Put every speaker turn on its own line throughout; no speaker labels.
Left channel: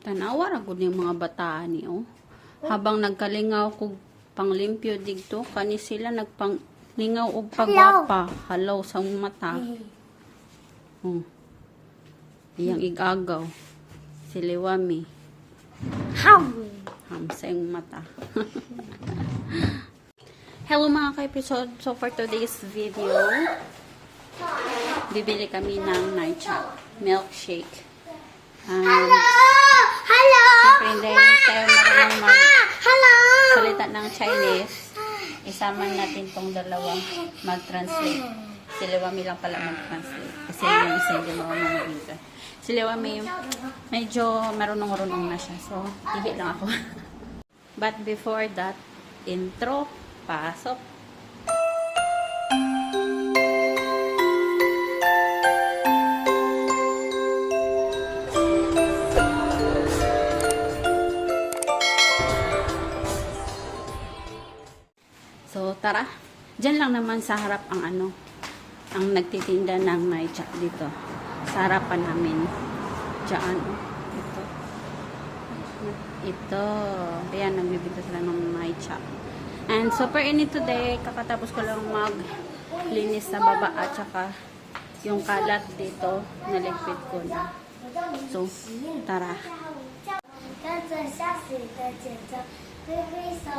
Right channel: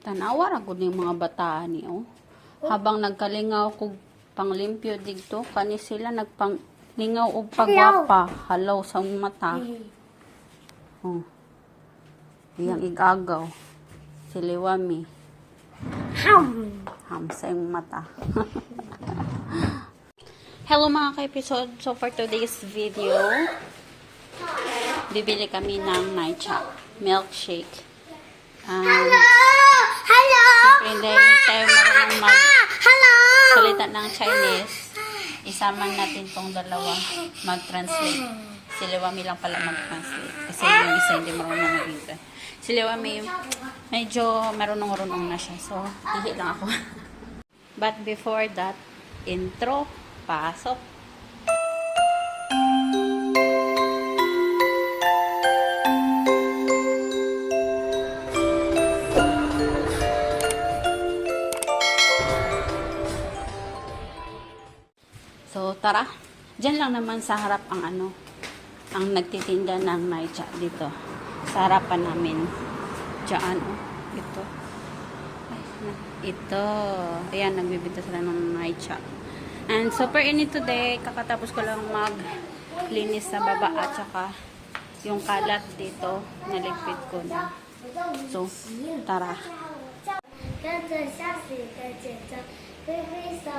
Tanawa ra gud ning mga bata ni oh. Habang nagkalingaw ko panglimpyo dito, kani sila nagpanglingaw og pagwapa, halaw sa mata. Oh. Iyang igagaw. Si Liwami.
Ham.
Hamsa yung mata. Hello mga ka-episode. So for today's video, bibili kami ng Naicha milkshake. Um,
Hello.
Siyempre, hindi tayo marunong
Hello.
magsalita ng Chinese. Isama natin tong dalawa mag-translate. Si Liwami lang pala mag-translate. Kasi yung isa hindi marunong mag-English. Si Liwami, medyo marunong-marunong na siya. So, hihi lang ako. But before that, intro, pasok. So, tara. Diyan lang naman sa harap ang ano, ang nagtitinda ng maicha dito. Sa harapan namin. Diyan, oh. Ito. Ay, na- Ito. Ayan, nagbibinta sila ng maicha. And super init today. Kakatapos ko lang maglinis sa baba at saka yung kalat dito, naligpit ko na. So, tara.
跟着下水的节奏，挥挥手，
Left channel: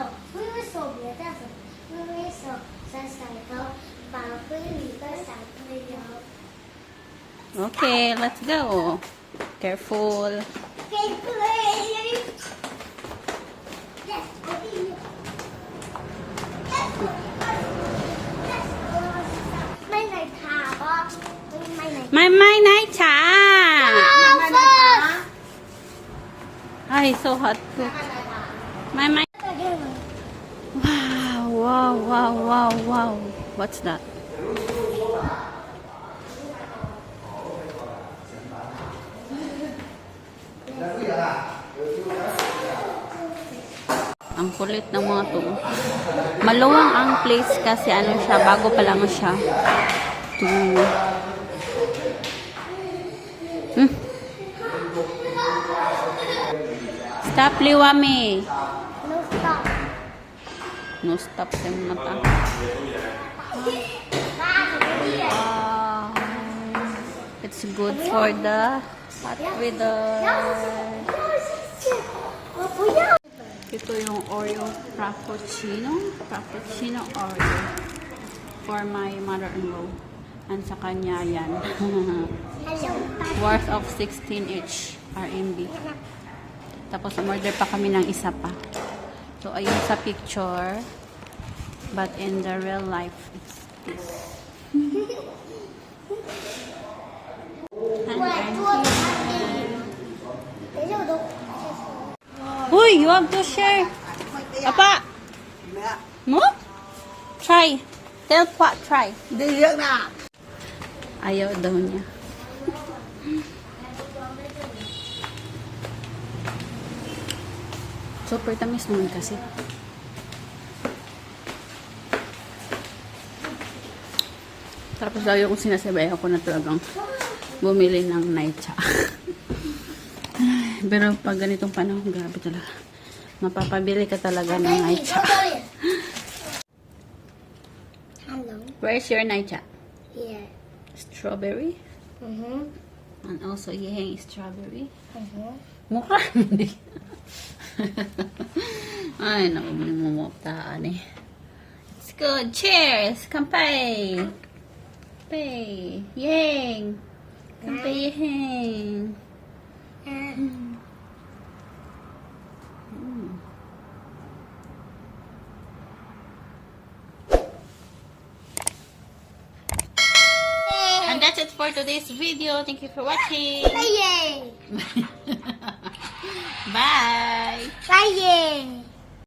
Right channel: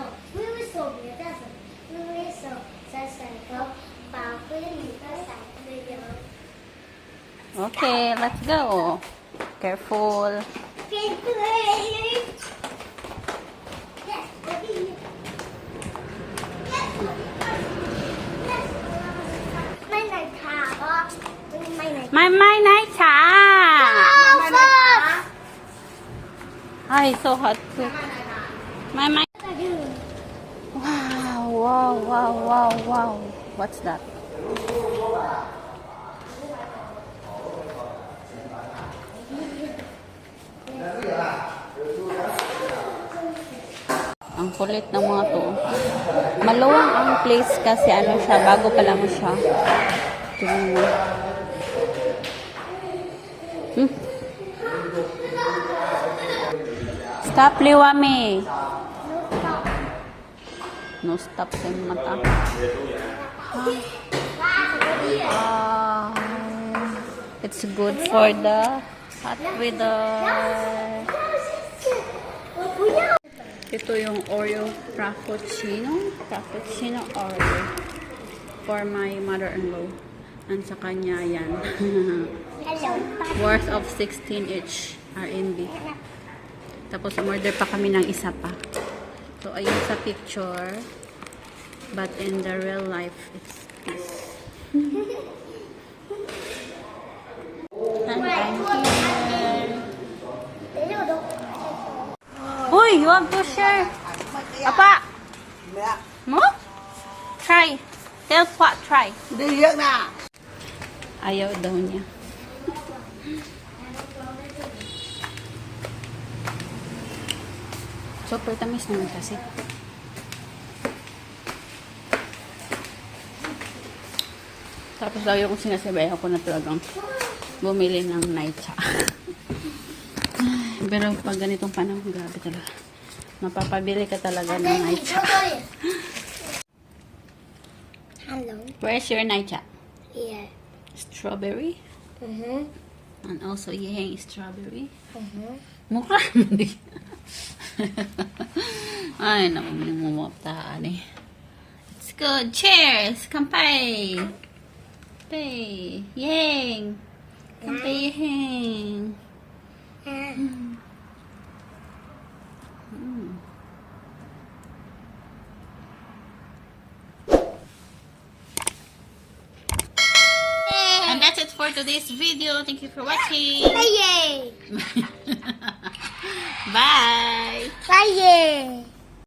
Okay, let's go. Careful. Mai mai nai cha. Ai so hot.
Mai mai
wow, wow, wow. What's that? Ang kulit ng mga to. Maluwang ang place kasi ano siya, bago pa lang siya. Ito. Hmm. Stop, Liwami.
No stop
sa mata. Uh, it's good for the hot weather. Ito yung Oreo Frappuccino. Frappuccino Oreo. For my mother-in-law. And sa kanya yan. Worth of 16 each. RMB. Tapos umorder pa kami ng isa pa ito ayun sa picture but in the real life it's this and I'm here Uy, you want to share? Apa? Mo? Try. Tell pa, try.
Diyan na.
Ayaw daw niya. Super tamis naman kasi. Tapos lagi kong sinasabay ako na talagang bumili ng naicha. Pero pag ganitong panahon, grabe talaga. Mapapabili ka talaga ng naicha.
hello
Where's your naicha?
yeah
Strawberry?
mhm
And also, yeheng strawberry.
mhm
Mukha. Ay, naku, minumumutaan eh. It's good. Cheers! Kampay! Kampay! Yeng! Kampay yeheng! And that's it for today's video. Thank you for watching.
Bye.
Bye!
Bye.